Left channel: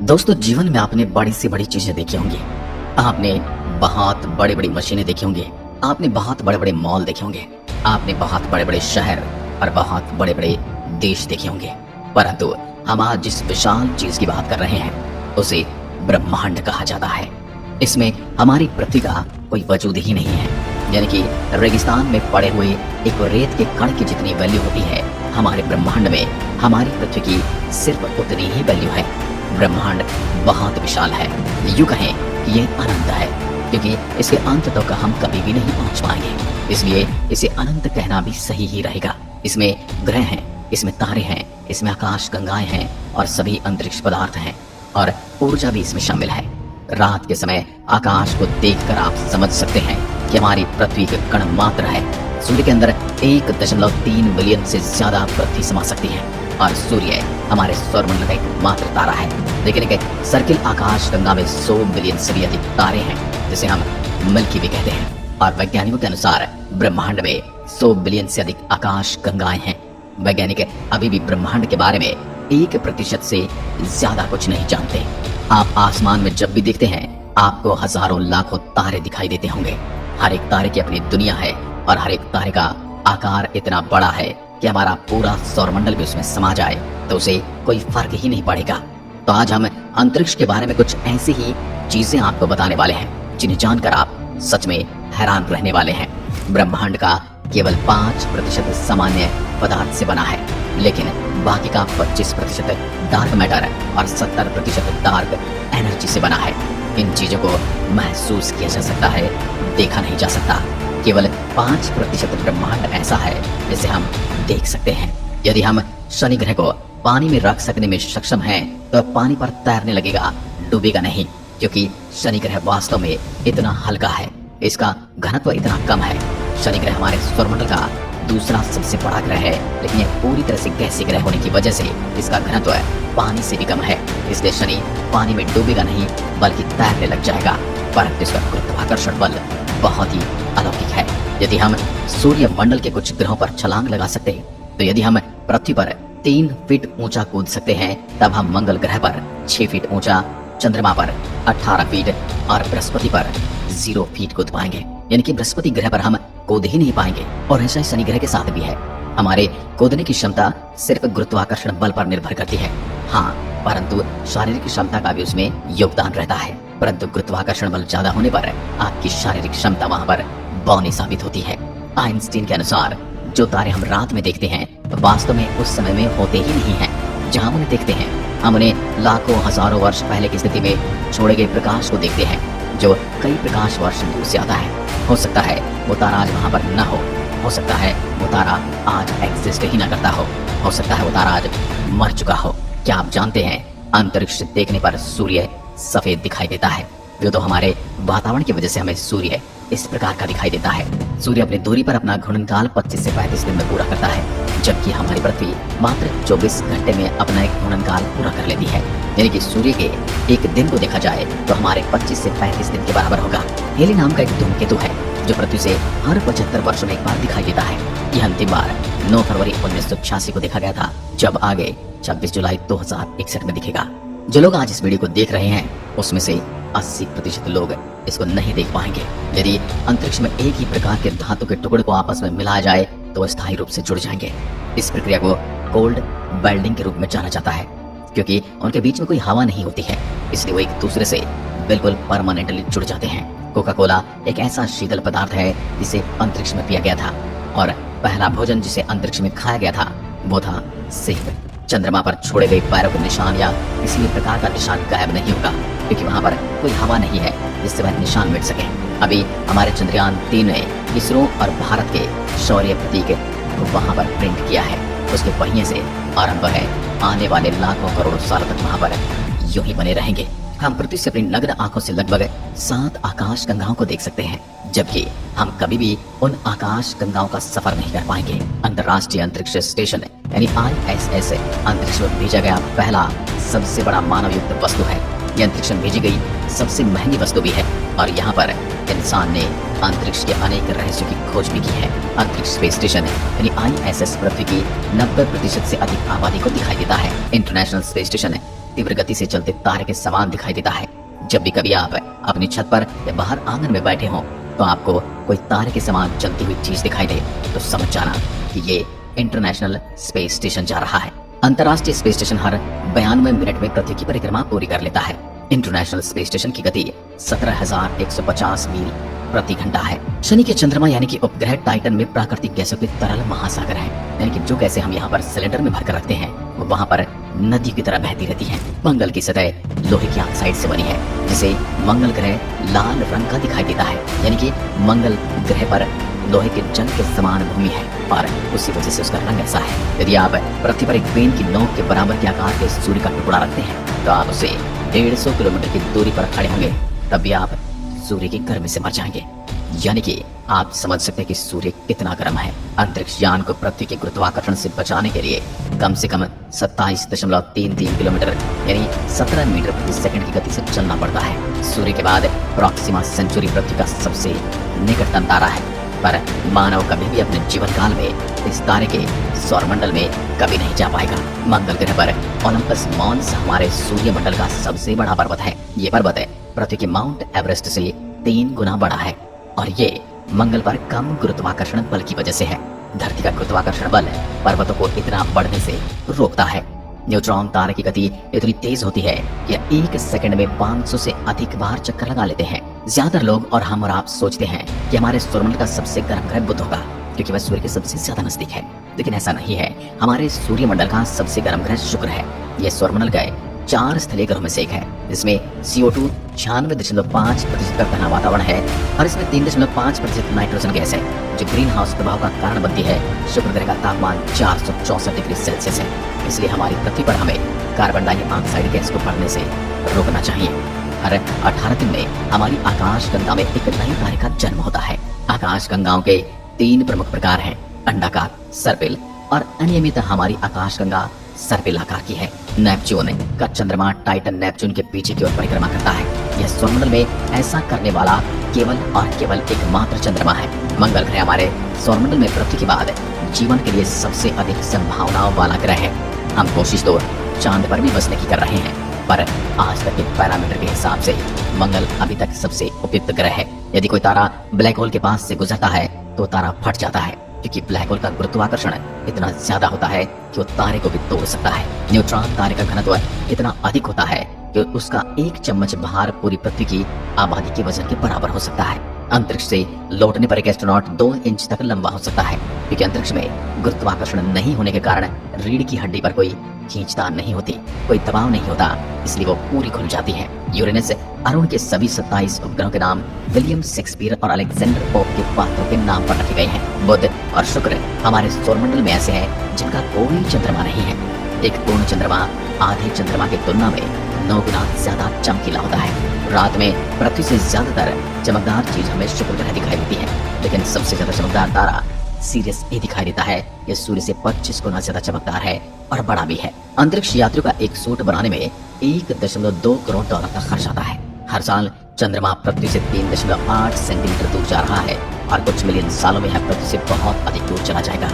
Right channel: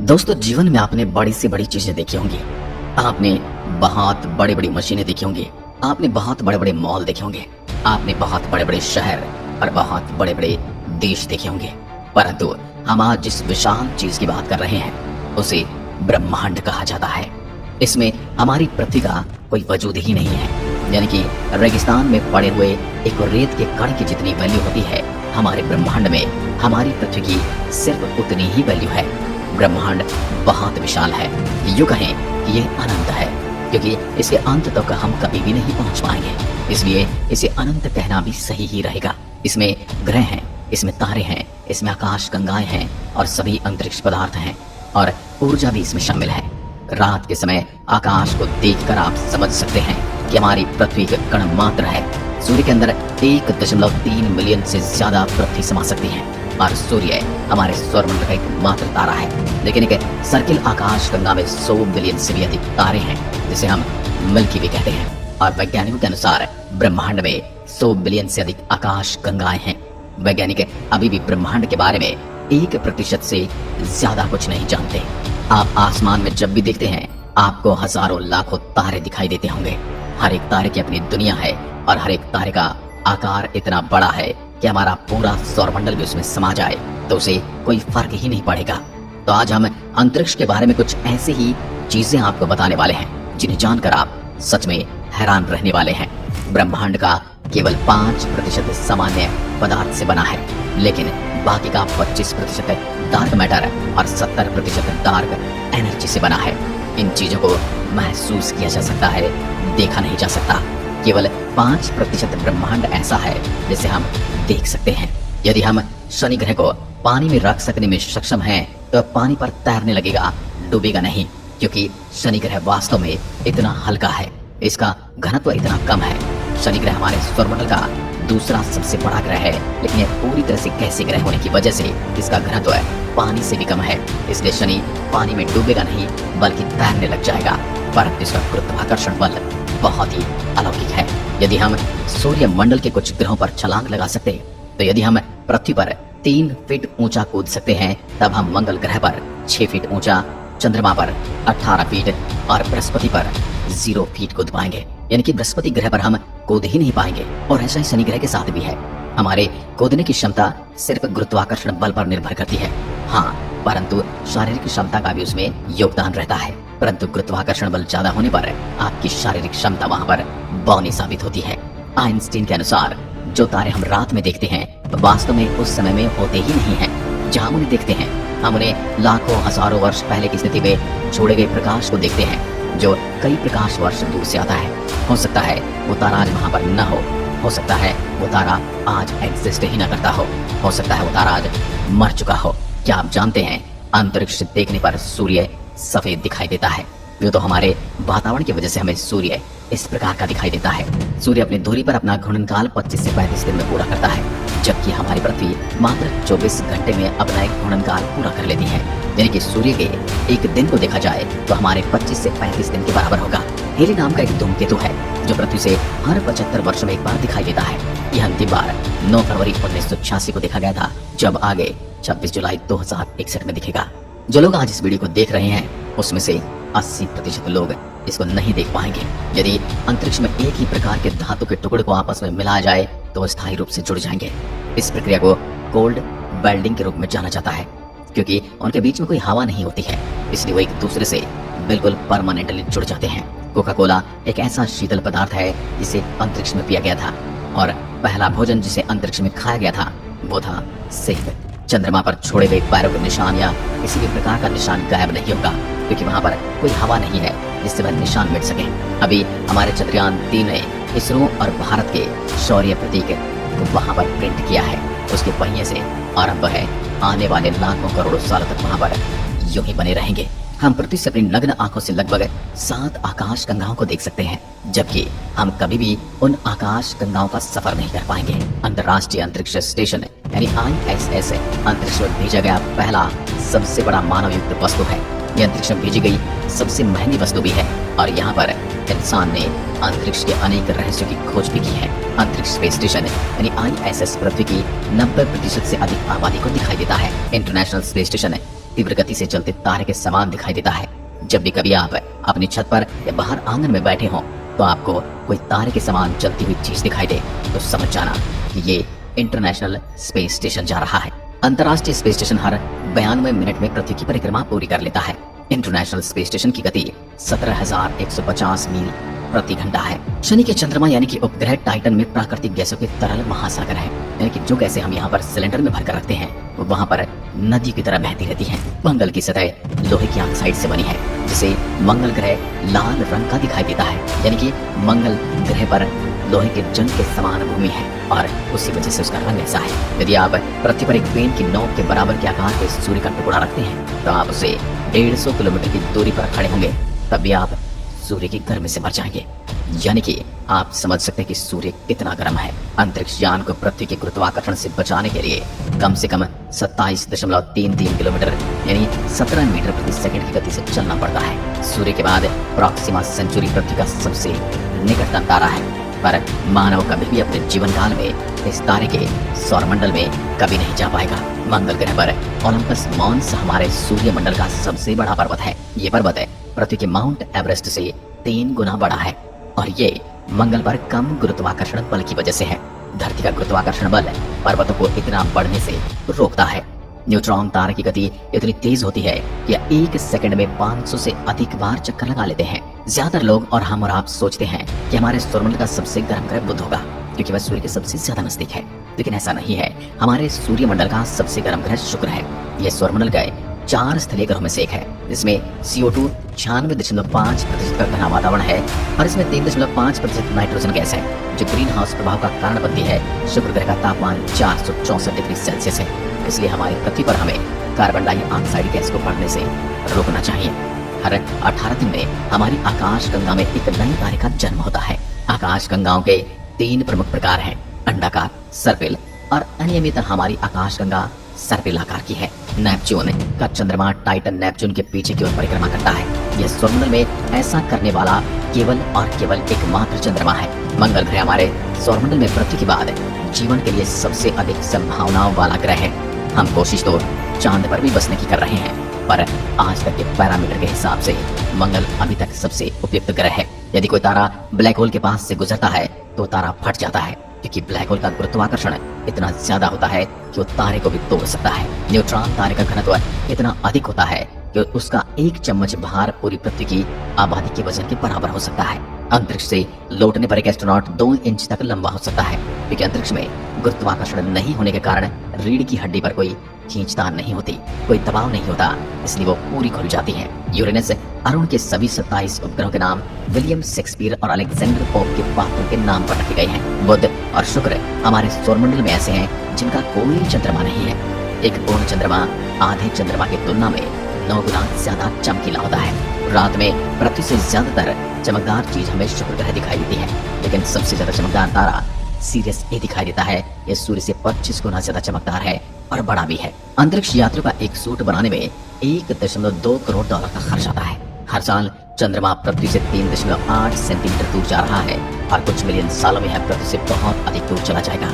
दोस्तों, जीवन में आपने बड़ी से बड़ी चीजें देखी होंगी। आपने बहुत बड़ी बड़ी मशीनें देखी होंगी। आपने बहुत बड़े बड़े मॉल देखे होंगे। आपने बहुत बड़े बड़े शहर और बहुत बड़े बड़े देश देखे होंगे। परंतु हम आज जिस विशाल चीज की बात कर रहे हैं उसे ब्रह्मांड कहा जाता है। इसमें हमारी पृथ्वी का कोई वजूद ही नहीं है। यानी कि रेगिस्तान में पड़े हुए एक रेत के कण की जितनी वैल्यू होती है, हमारे ब्रह्मांड में हमारी पृथ्वी की सिर्फ उतनी ही वैल्यू है। ब्रह्मांड बहुत विशाल है। यूं कहें कि यह अनंत है, क्योंकि इसके अंत तक हम कभी भी नहीं पहुंच पाएंगे। इसलिए इसे अनंत कहना भी सही ही रहेगा। इसमें ग्रह हैं, इसमें तारे हैं, इसमें आकाश गंगाएं हैं और सभी अंतरिक्ष पदार्थ हैं और ऊर्जा भी इसमें शामिल है। रात के समय आकाश को देखकर आप समझ सकते हैं कि हमारी पृथ्वी का कण मात्र है। सूर्य के अंदर 1.3 बिलियन से ज्यादा पृथ्वी समा सकती है और सूर्य हमारे सौरमंडल का एक मात्र तारा है। लेकिन एक सर्किल आकाश गंगा में 100 बिलियन से भी अधिक तारे हैं, जिसे हम मिल्की वे कहते हैं। और वैज्ञानिकों के अनुसार ब्रह्मांड में 100 बिलियन से अधिक आकाश गंगाएं हैं। वैज्ञानिक अभी भी ब्रह्मांड के बारे में 1% से ज्यादा कुछ नहीं जानते। आप आसमान में जब भी देखते हैं, आपको हजारों लाखों तारे दिखाई देते होंगे। हर एक तारे की अपनी दुनिया है और हर एक तारे का आकार इतना बड़ा है कि हमारा पूरा सौरमंडल भी उसमें समा जाए तो उसे कोई फर्क ही नहीं पड़ेगा। तो आज हम अंतरिक्ष के बारे में कुछ ऐसी ही चीजें आपको बताने वाले हैं जिन्हें जानकर आप सच में हैरान रहने वाले हैं। ब्रह्मांड का केवल 5% सामान्य पदार्थ से बना है, लेकिन बाकी का 25% डार्क मैटर और 70% डार्क एनर्जी से बना है। इन चीजों को महसूस किया जा सकता है, देखा नहीं जा सकता। केवल 5% ब्रह्मांड ऐसा है जिसे हम देख सकते हैं। यदि हम शनि ग्रह को पानी में रख सकने में सक्षम हैं, तो पानी पर तैरने लगेगा, डूबेगा नहीं, क्योंकि शनि ग्रह वास्तव में इतना हल्का है। इसका घनत्व इतना कम है। शनि ग्रह हमारे सौरमंडल का दूसरा सबसे बड़ा ग्रह है, लेकिन यह पूरी तरह से गैसीय ग्रह होने की वजह से इसका घनत्व पानी से भी कम है। इसलिए शनि पानी में डूबेगा नहीं, बल्कि तैरने लग जाएगा। परंतु इसका गुरुत्वाकर्षण बल बहुत ही अलौकिक है। यदि हम सूर्य मंडल के कुछ ग्रहों पर छलांग लगा सकते, तो यदि हम पृथ्वी पर 3 फीट ऊंचा कूद सकते हैं, तब हम मंगल ग्रह पर 6 फीट ऊंचा, चंद्रमा पर 18 फीट और बृहस्पति पर 0 फीट कूद पाएंगे। यानी कि बृहस्पति ग्रह पर हम कूद ही नहीं पाएंगे। और ऐसा ही शनि ग्रह के साथ भी है। हमारे कूदने की क्षमता सिर्फ गुरुत्वाकर्षण बल पर निर्भर करती है। हाँ, परंतु शारीरिक क्षमता का भी उसमें योगदान रहता है। परंतु गुरुत्वाकर्षण बल ज्यादा होने पर आपकी शारीरिक क्षमता वहां पर बौनी साबित होती है। आइंस्टीन के अनुसार जो तारे हम रात में देखते हैं, वास्तव में उस समय में होते ही नहीं हैं। जहां हम उन्हें देखते हैं, हम उन्हें लाखों हजारों वर्ष पहले की स्थिति में छोड़े गए प्रकाश को देखते हैं, जो कई प्रकाश वर्ष दूर से आता है। हो सकता है वो तारा आज वहां पर न हो सकता है वो तारा आज एग्जिस्ट ही न करता हो सकता है वो तारा आज मर चुका हो। क्या आप जानते हैं, अंतरिक्ष से देखने पर सूर्य सफेद दिखाई देता है। वो तो हमारे वातावरण की वजह से हमें सूर्य इस प्रकार का दिखाई देता है। सूर्य अपनी दूरी पर अपना घूर्णनकाल 25 से 35 दिन में पूरा करता है, जबकि हमारी पृथ्वी मात्र 24 घंटे में अपना एक घूर्णनकाल पूरा कर लेती है। यानी कि सूर्य के एक दिन को देखा जाए तो हमारे 25 से 35 दिन के बराबर होगा। हेली नाम का एक धूमकेतु है जो पृथ्वी से हर 75 वर्ष में एक बार दिखाई देता है। यह अंतिम बार 9 फरवरी 1986 को देखा गया था, जब आगे 26 जुलाई 2061 में दिखेगा। जो लोग आज इस वीडियो को देख रहे हैं, उसमें से 80% लोग इसको नहीं देख पाएंगे। यदि अंतरिक्ष में एक ही प्रकार के धातु के टुकड़े को आपस में मिलाया जाए तो स्थायी रूप से जुड़ जाएंगे। इस प्रक्रिया को कोल्ड वेल्डिंग के रूप में जाना जाता है, क्योंकि उनके बीच में कोई हवा नहीं होती है, इसलिए वो एक दूसरे से बिल्कुल परमानेंटली जुड़ जाते हैं। कोका कोला एक ऐसा शीतल पदार्थ है जिसे अंतरिक्ष में पिया गया था, और पहला भोजन जिसे अंतरिक्ष में खाया गया था वो था सेब। चंद्रमा पर छोड़े गए पैरों के निशान या किसी भी प्रकार का निशान गायब नहीं होगा, क्योंकि वहां पर कोई हवा नहीं है जिससे वह निशान मिट सके। अभी हमारे चंद्रयान 3 ने इसरो और भारत के शौर्य प्रतीक को वहां पर प्रिंट किया है। उसके पहिए से आरंभ है, आने वाले लाखों करोड़ों साल तक वहां पर यूं ही बने रहेंगे। हम पृथ्वी से अपनी नग्न आंखों से लगभग 7 आकाश गंगाओं को देख सकते हैं, जबकि हम कभी भी उन आकाश गंगाओं का सफर नहीं कर पाएंगे। अंतर्राष्ट्रीय अंतरिक्ष स्टेशन यानी ISS अंतरिक्ष में भेजा गया पहला सबसे बड़ा मानव युक्त वस्तु है। यह अंतरिक्ष में भेजी गई सबसे महंगी वस्तु भी है, और यहाँ पर इंसान ने अंतरिक्ष के अनेक रहस्यों की खोज भी की है। अंतरिक्ष स्पेस स्टेशन यानी ISS पृथ्वी की 90% से अधिक आबादी को दिखाई देता है। इंटरनेशनल स्पेस स्टेशन तीव्र गति से चलते तारे के समान दिखाई देता है। जब भी कभी आप अपनी छत पर या बाहर आंगन में बैठे हों तो आपको कोई तारे के समान चलती हुई चीज दिखाई दे तो समझ जाना कि ये इंटरनेशनल स्पेस स्टेशन जा रहा है। अंतर्राष्ट्रीय स्पेस स्टेशन हर 92 मिनट में पृथ्वी की परिक्रमा पूरी कर लेता है। इंटरनेशनल स्पेस स्टेशन की गति 17,150 मील प्रति घंटा है। शनि के चंद्रमा यानी कि उपग्रह टाइटन में प्राकृतिक गैसों के तरल महासागर है, यानी कि जो गैसें हम यहाँ पर सिलेंडर में भरकर रखते हैं वो वहाँ पर नदी की तरह बहती रहती हैं। मंगल की सतह लोहे की ऑक्साइड से बनी है, जिसे मंगल ग्रह लाल रंग का दिखाई देता है, यानी कि मंगल ग्रह पर लोहे के जंग के समान भूमि है और उसी वजह से उसका रंग ऐसा है। यदि आप पृथ्वी पर एक पेन की नोक के बराबर के आकार के सूर्य का टुकड़ा रखते हैं तो आप उसे 150 किलोमीटर की दूरी पर खड़े होंगे, तब भी आप सूर्य की गर्मी से मर जाएंगे। यानी कि आप समझ सकते हैं कि सूर्य कितना गर्म है। अंतरिक्ष यान को पृथ्वी के गुरुत्वाकर्षण से बचाने के लिए कम से कम 27.33 किलोमीटर यानी 17 मीटर प्रति सेकंड की गति से चलना पड़ता है। सूर्य के बाद प्रॉक्सिमा सेंचुरी पृथ्वी का सबसे निकटतम तारा है, पर मानव कभी भी अपने जीवन काल में इस तारे के सौरमंडल में कभी नहीं जा पाएगा। मंगल ग्रह पर ओलंपस मॉन्स हमारे सूर्यमंडल का सबसे बड़ा पर्वत है। ये पर्वत पृथ्वी के माउंट एवरेस्ट से 3 गुना बड़ा है और ये मंगल पर कम गुरुत्वाकर्षण बल की वजह से है। धरती का गुरुत्वाकर्षण बल पर्वतों को इतना बढ़ने से रोकता है। न्यूट्रॉन तारे की गति इतनी तेज होती है कि एक सेकंड में 500 से अधिक बार चक्कर लगा लेते हैं। ज्यादातर लोग और हम और आप सोचते हैं कि हमारे सौरमंडल का सबसे गर्म ग्रह बुध होगा क्योंकि वह सूर्य के सबसे ज्यादा नजदीक है, लेकिन ऐसा नहीं है। हमारे सूर्यमंडल का सबसे गर्म ग्रह शुक्र है। यह सौरमंडल का 4 स्थलीय ग्रहों में से एक है। इसमें CO2 96.5% का घना वातावरण है और इसमें 3.5% नाइट्रोजन गैस है जो ग्रीन हाउस प्रभाव का कारण बनती है। शुक्र ग्रह का तापमान 464 डिग्री सेल्सियस है, इसलिए हमारी पृथ्वी पर हमें कार्बन डाइऑक्साइड गैस को बढ़ने से रोकना चाहिए। हर 18 दिन में हमारी आकाशगंगा में एक नए तारे का जन्म होता है। आकाशगंगाओं के 3 प्रमुख प्रकार हैं, अंडाकार, सर्पिल और अनियमित। हमारी आकाशगंगा सर्पिल आकार की है। नेपच्यून का चंद्रमा टाइटन नेपच्यून के पीछे की ओर परिक्रमा करता है। यह सौरमंडल में ऐसा करने वाला केवल और केवल एकमात्र चंद्रमा है। मंगल ग्रह हमारे सौरमंडल में पृथ्वी के बाद जीवन के लिए सबसे अधिक संभावनाओं वाला ग्रह है। हम कोशिश तो चांद पर भी बसने की कर रहे हैं, पर आज तक के पैरामीटर के हिसाब से मंगल अभी तक सबसे उपयुक्त ग्रह है। यदि कोई तारा ब्लैक होल के पास से गुजरता है तो तारा फट जाता है, क्योंकि ब्लैक होल का गुरुत्वाकर्षण इतना ज्यादा होता है कि वो तारे को भी तोड़ सकता है। न्यूट्रॉन तारे का घनत्व इतना अधिक होता है कि उसका 1 चम्मच भार पूरी पृथ्वी की आबादी के वजन के बराबर हो सकता है। अंतरिक्ष से लौटने पर एक एस्ट्रोनॉट 2 इंच तक लंबा हो सकता है, क्योंकि अंतरिक्ष में गुरुत्वाकर्षण नहीं होने के कारण रीढ़ की हड्डी पर कोई खींचतान नहीं होती, कोई दबाव नहीं होता, इसलिए वो पूरी खुल जाती है। यूरेनस अरुण के सभी 27 उपग्रहों के नाम विलियम शेक्सपियर और अलेक्जेंडर पोप के पात्रों के नाम पर रखे गए हैं। बुध और शुक्र हमारे सौरमंडल में ऐसे हैं जिनका कोई चंद्रमा नहीं है। एक पूर्ण चंद्रमा आधे चंद्रमा की तुलना में 9 गुना ज्यादा चमकीला होता है। रात में पृथ्वी से ज्यादातर चमकदार चीज हमें शुक्र ग्रह दिखाई देती है, लेकिन सबसे ज्यादा चमकदार तारा सीरियस ए दिखाई देता है। यह सूर्य से 25 गुना ज्यादा चमकदार है और बड़ा भी है। अंतरिक्ष यात्रियों का एक सूट बनाने में $1.2 करोड़ का खर्च आता है। हर साल चंद्रमा पृथ्वी से 3.8 सेंटीमीटर दूर जा रहा है और कुछ मिलियन सालों में यह पृथ्वी से बहुत अधिक दूर चला जाएगा,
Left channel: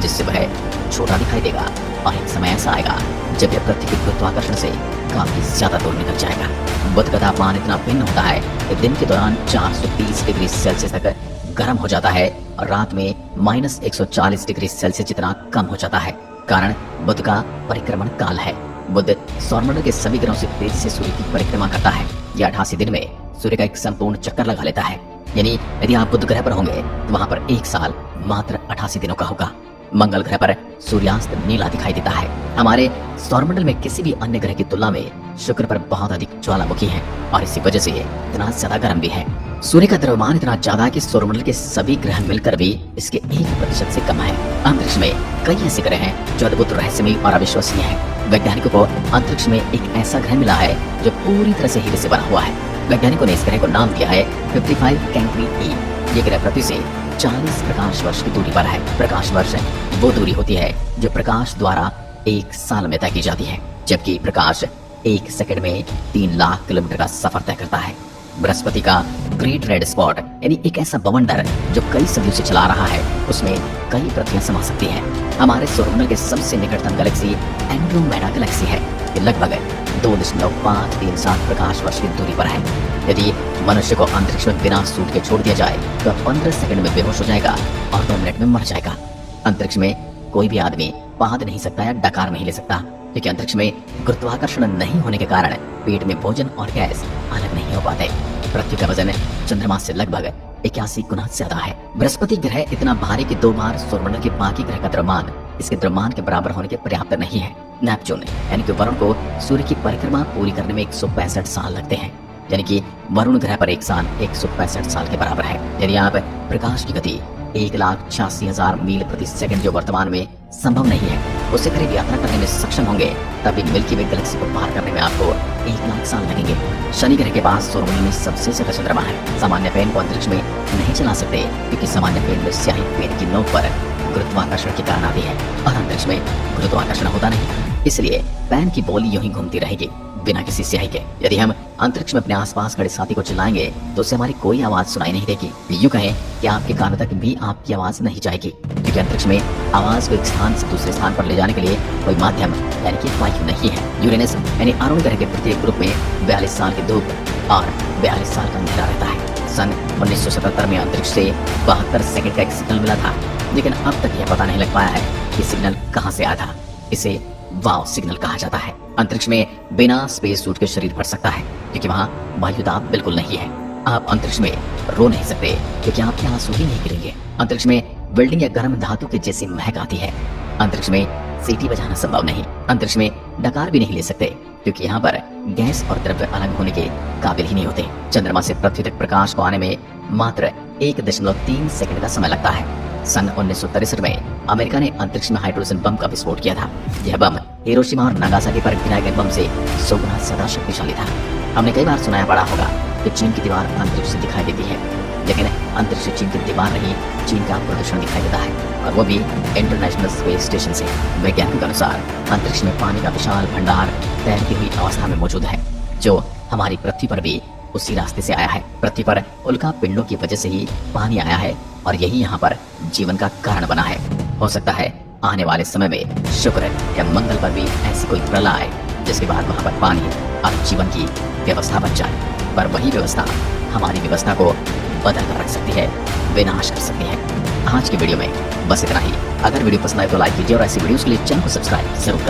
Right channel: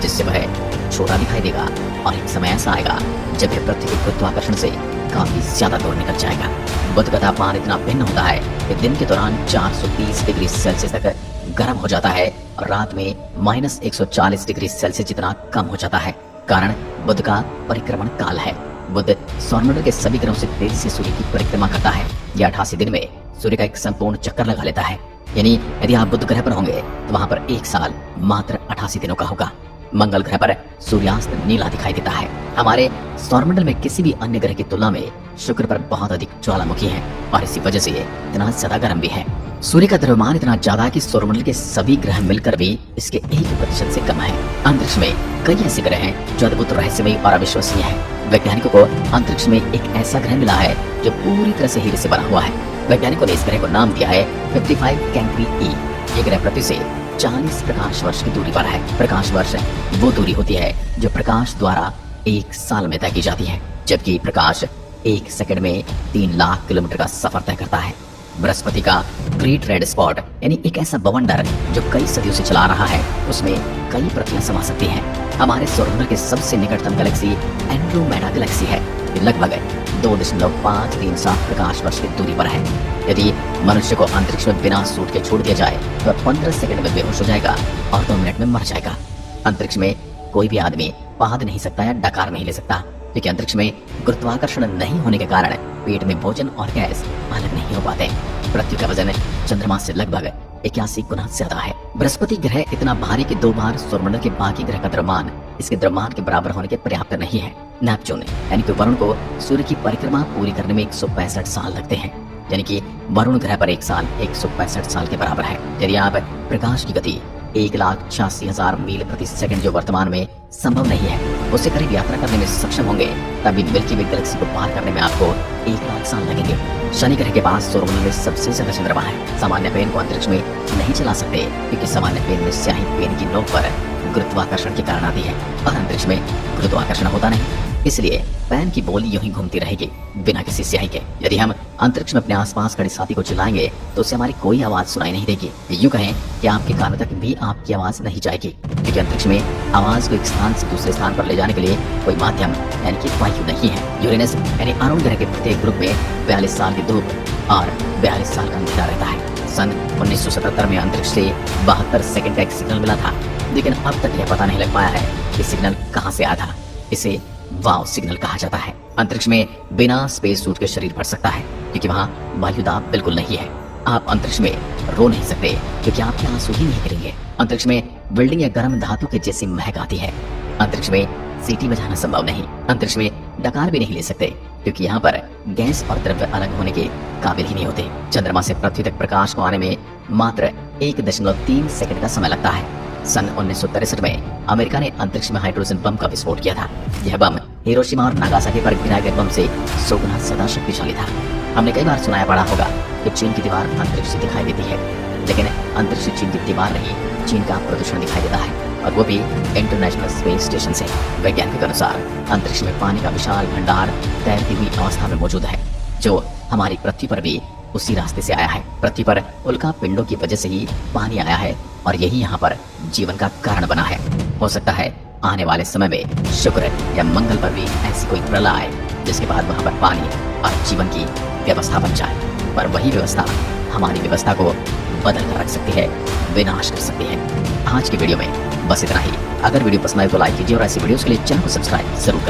जिससे वह छोटा दिखाई देगा और एक समय ऐसा आएगा जब यह पृथ्वी के गुरुत्वाकर्षण से काफी ज्यादा दूर निकल जाएगा। बुध का तापमान इतना भिन्न होता है कि दिन के दौरान 430 डिग्री सेल्सियस तक गर्म हो जाता है और रात में -140 डिग्री सेल्सियस जितना कम हो जाता है। कारण बुध का परिक्रमण काल है। बुध सौरमंडल के सभी ग्रहों से तेजी से सूर्य की परिक्रमा करता है। यह 88 दिन में सूर्य का एक संपूर्ण चक्कर लगा लेता है। यानी यदि आप बुध ग्रह पर होंगे तो वहाँ पर 1 साल मात्र 88 दिनों का होगा। मंगल ग्रह पर सूर्यास्त नीला दिखाई देता है। हमारे सौरमंडल में किसी भी अन्य ग्रह की तुलना में शुक्र पर बहुत अधिक ज्वालामुखी है और इसी वजह से ये इतना ज्यादा गर्म भी है। सूर्य का द्रव्यमान इतना ज्यादा है कि सौरमंडल के सभी ग्रह मिलकर भी इसके 1% से कम है। अंतरिक्ष में कई ऐसे ग्रह हैं जो अद्भुत, रहस्यमयी और अविश्वसनीय है। वैज्ञानिकों को अंतरिक्ष में एक ऐसा ग्रह मिला है जो पूरी तरह से हीरे से बना हुआ है। वैज्ञानिकों ने इस ग्रह को नाम दिया है 55 कैंक्री ई। ये ग्रह पृथ्वी से 40 प्रकाश वर्ष की दूरी पर है। प्रकाश वर्ष वो दूरी होती है जो प्रकाश द्वारा 1 साल में तय की जाती है, जबकि प्रकाश 1 सेकंड में 3 लाख किलोमीटर का सफर तय करता है। बृहस्पति का ग्रेट रेड स्पॉट यानी एक ऐसा बवंडर जो कई सदियों से चला रहा है, उसमें कई पृथ्वियां समा सकती हैं। हमारे सौरमंडल के सबसे निकटतम गैलेक्सी एंड्रोमेडा गैलेक्सी है। लगभग 2.537 प्रकाश वर्ष की दूरी पर है। यदि मनुष्य को अंतरिक्ष में बिना सूट के छोड़ दिया जाए तो 15 सेकंड में बेहोश हो जाएगा और 2 मिनट में मर जाएगा। अंतरिक्ष में कोई भी आदमी बांध नहीं सकता या डकार नहीं ले सकता, क्योंकि अंतरिक्ष में गुरुत्वाकर्षण नहीं होने के कारण पेट में भोजन और गैस अलग नहीं हो पाते। पृथ्वी का वजन चंद्रमा से लगभग 81 गुना ज्यादा है। बृहस्पति ग्रह इतना भारी कि 2 बार सौरमंडल के बाकी ग्रह का द्रव्यमान इसके द्रव्यमान के बराबर होने के पर्याप्त नहीं है। नेपच्यून यानी कि वरुण को सूर्य की परिक्रमा पूरी करने में 165 साल लगते हैं, यानी कि वरुण ग्रह पर एक साल 165 साल के बराबर है। यानी आप प्रकाश की गति 1,86,000 मील प्रति सेकंड जो वर्तमान में संभव नहीं है, उससे करीब यात्रा करने में सक्षम होंगे, तभी मिल्की वे गैलेक्सी को पार करने में आपको 1 लाख साल लगेंगे। शनि ग्रह के पास सौरमंडल में सबसे ज्यादा चंद्रमा है। सामान्य पेन को अंतरिक्ष में नहीं चला सकते, क्योंकि सामान्य पेन में स्याही पेन की नोक पर गुरुत्वाकर्षण के कारण आती है और अंतरिक्ष में गुरुत्वाकर्षण होता नहीं, इसलिए पेन की बोल यूं ही घूमती रहेगी बिना किसी स्याही के। यदि हम अंतरिक्ष में अपने आसपास खड़े साथी को चिल्लाएंगे तो उसे हमारी कोई आवाज सुनाई नहीं देगी। यूं कहें कि आपके कानों तक भी आपकी आवाज नहीं जाएगी, क्योंकि अंतरिक्ष में आवाज को एक स्थान से दूसरे स्थान पर ले जाने के लिए कोई माध्यम यानी कि वायु नहीं है। यूरेनस यानी अरुण ग्रह के प्रत्येक ग्रुप में 42 साल की धूप और 42 साल का अंधेरा रहता है। सन 1977 में अंतरिक्ष से 72 सेकंड का एक सिग्नल मिला था, लेकिन अब तक यह पता नहीं लग पाया है कि सिग्नल कहां से आया था। इसे वाव सिग्नल कहा जाता है। अंतरिक्ष में बिना स्पेस सूट के शरीर बढ़ सकता है, क्योंकि वहाँ वायुदाब बिल्कुल नहीं है। आप अंतरिक्ष में रो नहीं सकते, क्योंकि आपके आंसू ही नहीं गिरेंगे। अंतरिक्ष में वेल्डिंग या गर्म धातु के जैसी महक आती है। अंतरिक्ष में सीटी बजाना संभव नहीं। अंतरिक्ष में डकार भी नहीं ले सकते, क्योंकि यहाँ पर गैस और द्रव्य अलग होने के काबिल ही नहीं होते। चंद्रमा से पृथ्वी तक प्रकाश को आने में मात्र 1.3 सेकंड का समय लगता है। सन 1963 में अमेरिका ने अंतरिक्ष में हाइड्रोजन बम का विस्फोट किया था। यह बम हिरोशिमा और नागासाकी पर गिराए गए बम से 100 गुना ज्यादा शक्तिशाली था। हमने कई बार सुनाया पड़ा होगा कि चीन की दीवार अंतरिक्ष से दिखाई देती है, लेकिन अंतरिक्ष से चीन की दीवार नहीं, चीन का प्रदूषण दिखाई देता है, और वो भी इंटरनेशनल स्पेस स्टेशन से। वैज्ञानिकों के अनुसार अंतरिक्ष में पानी का विशाल भंडार तैरती हुई अवस्था में मौजूद है, जो हमारी पृथ्वी पर भी उसी रास्ते से आया है। पृथ्वी पर उल्का पिंडों की वजह से ही पानी आया है और यही यहाँ पर जीवन का कारण बना है। हो सकता है आने वाले समय में शुक्र या मंगल पर भी ऐसी कोई प्रलय आए, जिसके बाद वहाँ पर पानी और जीवन की व्यवस्था बन जाए, पर वही व्यवस्था हमारी व्यवस्था को बदल कर रख सकती है, विनाश कर सकती है। आज की वीडियो में बस इतना ही। अगर वीडियो पसंद आए तो लाइक कीजिए और ऐसी वीडियोस के लिए चैनल को सब्सक्राइब जरूर करें।